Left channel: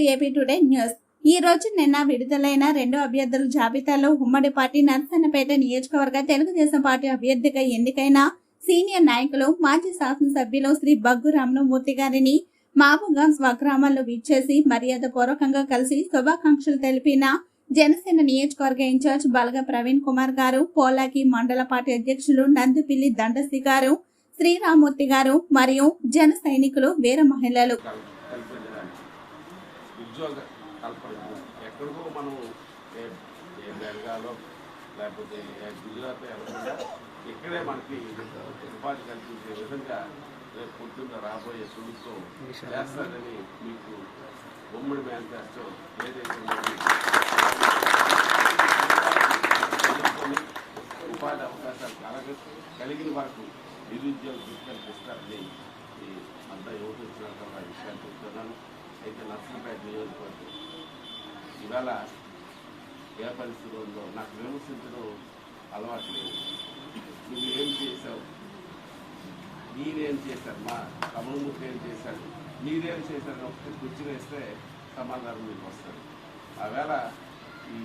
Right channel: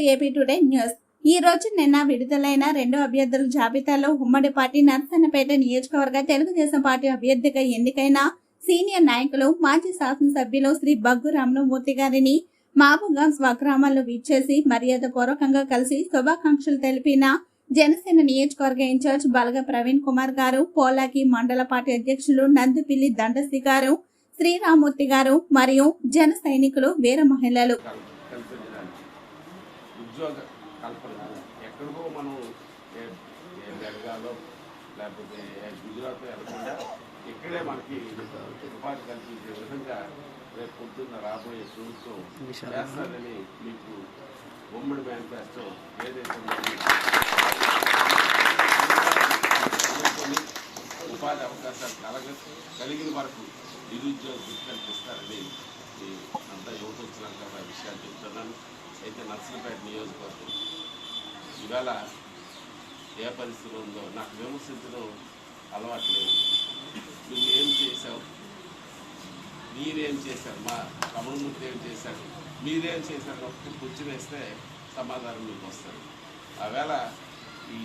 To AP today news. ఈ రోజు నిన్న విడుదలైన రెండు అభ్యర్థుల జాబితాలో ఉమ్మడి పార్టీ నరసన్నపేట నియోజకవర్గ తెలుగుదేశం పార్టీ అభ్యర్థిగా ఎన్నికైన సీనియర్ నాయకులు మాజీ శాసనసభ్యులు శ్రీ బగ్గు రామలమూర్తి గారిని మహబూబ్గంజ్ స్వగ్రామాల్లో విచ్చేసి మర్యాద పూర్వకంగా కలిసి శుభాకాంక్షలు తెలిపిన జనసేన నియోజకవర్గ ఇన్ఛార్జ్ బలగ ప్రవీణ్ కుమార్ గారు పోలాకి మండల పార్టీ అధ్యక్షులు నందుపిల్లి దండసి గారు శ్రీరామూర్తి గారు మరియు జన సైనికులు వీర మహిళలు. ఉద్యోగ కల్పన ఎక్కడికో మనం ఏ ఏ బెంగాలో లేకపోతే గుజరాత్ వెళ్ళకుండా ఇక్కడే మనకి ఉపాధి కల్పించే విధంగా రేపు పొద్దున్న రాబోయే ప్రభుత్వం చేస్తారని మీకు ఉమ్మడి మేనిఫెస్టో ఏదైతే ఉపాధి అవకాశాలు కలగ కలిగిన వరకు నిరుద్యోగ వృత్తి కల్పిస్తారని అంతా యువత వచ్చినాక విషయాలు. అయితే నర్సీపేట నియోజకవర్గం ఈవేళ ఏ పరిస్థితి ఉందో నాకు విమర్శించడం అలవాటు లేదు నువ్వు ఏం చేశావు మీరేం చేశారు మా తమ్ముడు ఏం చేశాడు మీరేం చేశారు ఒకటి కూర్చుని వేస్తే సమాధానం మీకు వస్తుంది ఆవేళ ఈ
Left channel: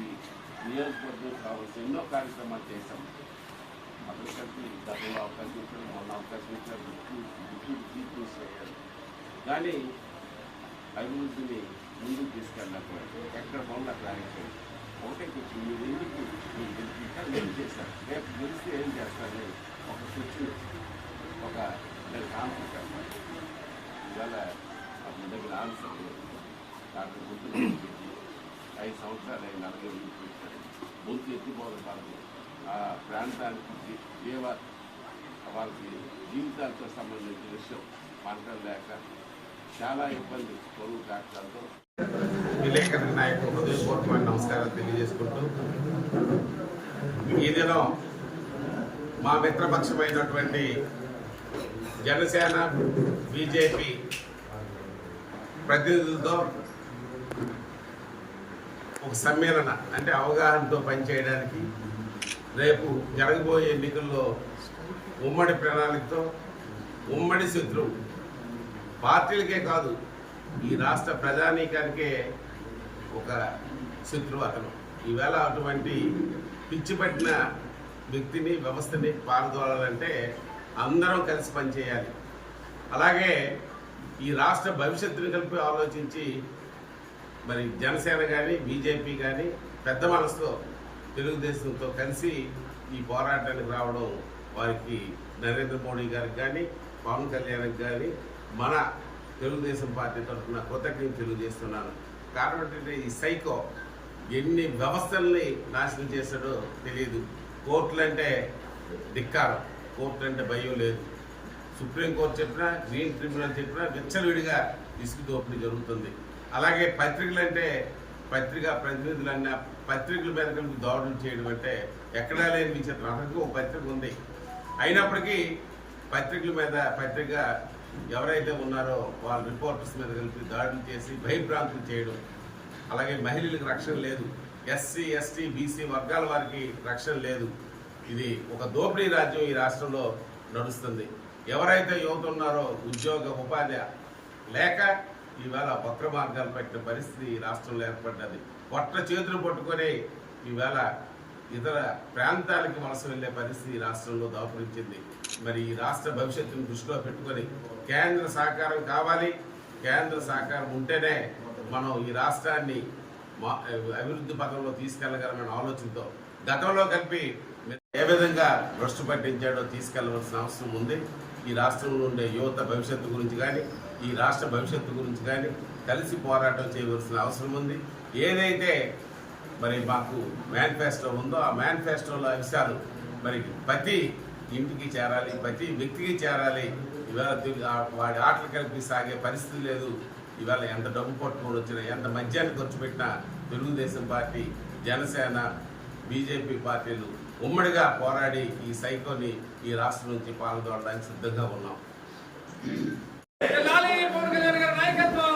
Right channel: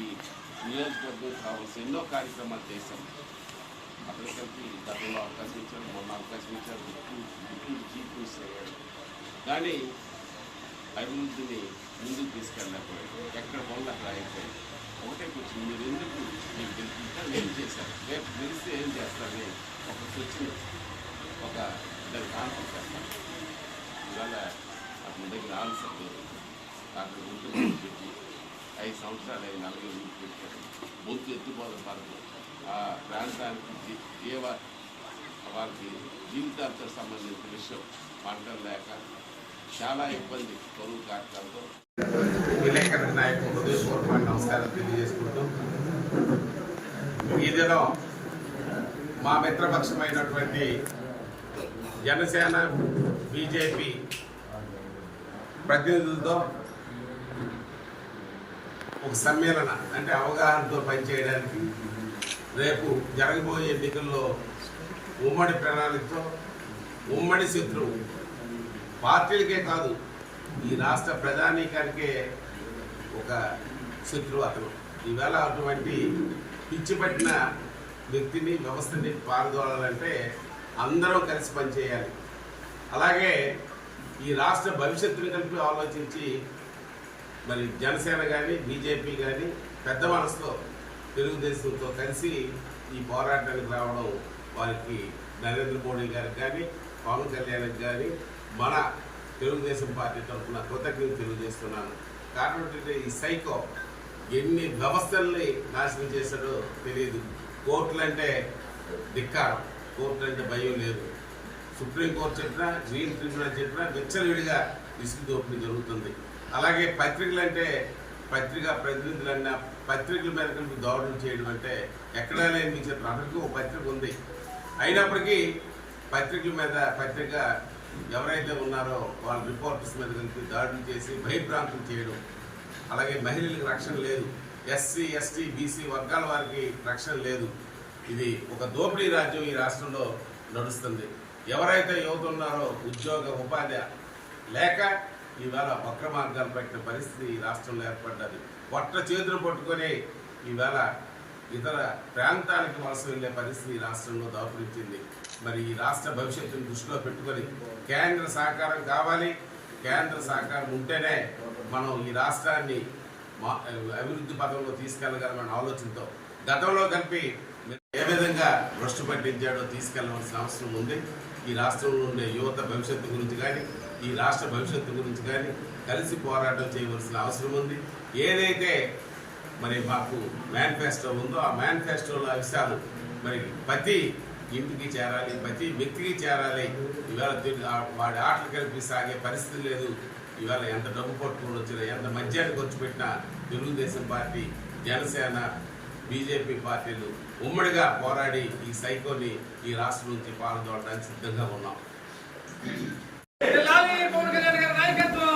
నియోజకవర్గం కావాల్సిన ఎన్నో కార్యక్రమాలు చేశాం అక్కడికి గతంలో అవకాశం ఇచ్చారు మొన్న అవకాశం ఇచ్చారు డిప్యూటీ చీఫ్ మినిస్టర్ అయ్యాడు కానీ అభివృద్ధిని ముందుకు తీసుకెళ్ళకపోయాడు ఎక్కడ పనులు అక్కడ అయిపోయాయి ఒకటే కూర్చొని మీరు ఎందుకు మీకు గెలిపించా ఏం చేశారు రేపు గెలిస్తే ఏం చేస్తారని ఒక కూర్చుని ఒక దానికి ఆన్సర్ చెప్పాలి. ఇవాళ అతని దగ్గర ఆన్సర్ లేదు. నాకు గుర్తు పెట్టి ఐదు సంవత్సరాలు అయిన నలభై పెట్టారు. ముందు ఎత్తుపోద పడదు ఆ ప్రాంతానికి జీవ వాళ్ళకి జీవితాలతో సంబంధించిన విషయం పంటలు లేక చాలా ఇబ్బంది పొరుగు ప్రాంతాలతో. విలేకరుల నాయకు హృదయపూర్వకమైన నమస్కారం తెలియజేసుకుంటూ ఈ దినం మా మిత్రపక్షమైనటువంటి జనసేన బీజేపీ ప్రతినిధులతో ఒక సమ్మేళన అంటే అవగాహనతో పనిచేయడానికి రేపు జరగబోయే ఎన్నికల్లో ఉమ్మడి ప్రణాళికతో ఉమ్మడి శత్రువు పార్టీలకే కాదు ఈ రాష్ట్ర ప్రధానికానికే ఒక శత్రువు అతను. ఈవేళ అటువంటి పిచ్చి పట్టిన వ్యక్తిని వ్యవస్థని పారదోలాలంటే అందరం కలిసి పనిచేయాలి. అలాగే ఈ రాష్ట్ర భవిష్యత్తుని కలిపి ఆలోచించి మరి జనసేన కానీ బీజేపీ కానీ పెద్ద మనసుతో తెలుగుదేశంతో కలిసి ఈ పోరాటానికి రావడం వారికి నరేంద్ర మోడీ గారికి కానీ పవన్ కళ్యాణ్కి కానీ మన తెలుగుదేశం పార్టీ తరఫున కృతజ్ఞత తెలియజేస్తున్నాను. కారణం ఏంటంటే ఈ సైకో ఎన్ని వ్యవస్థల్ని నాశనం చేశాడో తెలియదు. కోర్టులు అంటే ధిక్కారం. కోర్టులు అంటే భయం లేదు. సుప్రీంకోర్టు చెప్పినా గ్రీన్ ట్రిబ్యునల్ చెప్పినా విచ్చలవిడిగా ఇసుక దోపిడీ జరుగుతుంది. అలాగే పత్రికలు అంటే పత్రికా ప్రతినిధులన్న పత్రికల మీద కనుక దాడులు చేయడం అంటే ఎక్కడా లేని విచిత్రం అందరికీ ఒక పత్రిక ఉంది. అయినప్పటికీ పత్రికల మీద పత్రిక ఎవరైతే ఉన్నారో వాళ్ళ రిపోర్టర్స్ మీద కలిపి దాడులు చేసి భయభ్రాంతులు చేయడం. అలాగే మహిళలకు రక్షణ లేదు. ఎస్సీ ఎస్టీ బీసీ వర్గాల వారికి రక్షణ లేదు. ఇది ఒక దోపిడీ రాజ్యం ఈ రాష్ట్రంలో నడుస్తుంది. ఎవరైతే యువత ఉన్నారో ఉద్యోగ ఉపాధి లేక ఈవేళ వక్ర మార్గాలు పెట్టిన పరిస్థితి ఈ రాష్ట్రంలో ఏర్పడ్డది. పొట్ట చేతులు పట్టుకొని ఈవేళ ఇతర ప్రాంతాలకు వలస వెళ్ళే పరిస్థితి ఈ రాష్ట్రంలో దాపురించింది. మరి ఈ రాష్ట్ర భవిష్యత్తును దృష్టిలో పెట్టుకొని కేంద్ర సహకారం కావాలి. కేంద్ర సహకారం ఉంటేనే మనం ఈ రాష్ట్రాన్ని మా- అభివృద్ధి పథంలో తీసుకెళ్ళగలమనే ఆలోచనతో గతంలో కలిపి ఏ విధంగా భ్రష్టు పట్టించాడో తీసుకెళ్ళవలసిన అవసరం ఉంది. ఈ రాష్ట్రంలో ఉండే యువత భవిష్యత్తు గురించి కానీ ఈ రాష్ట్ర భవిష్యత్తు గురించి కానీ కలిసి పోరాటం చేయవలసిన అవసరం ఉంది. ఏదైతే మరి మాకు మేనిఫెస్టో ఉందో ఆ మేనిఫెస్టోలో అంశాలు మరి ప్రతి ఇంటికి చేరాలి ప్రతి వ్యక్తికి చేరాలి ఇవాళ వాడి ఆటలు కలిపి సాగే పరిస్థితి లేదు ఇవాళ ఎంత డబ్బు పట్టుకొని వచ్చినా ఎంత మద్యాన్ని ఖర్చు పెట్టినా తెలుగుదేశం పార్టీ జనసేన బీజేపీ పార్టీలు ఉమ్మడిగా పోరాడి ఈ సైకోని ఈ రాష్ట్రం నుంచి పాలదోడడానికి సిద్ధంగా ఉన్నాం నాయకత్వం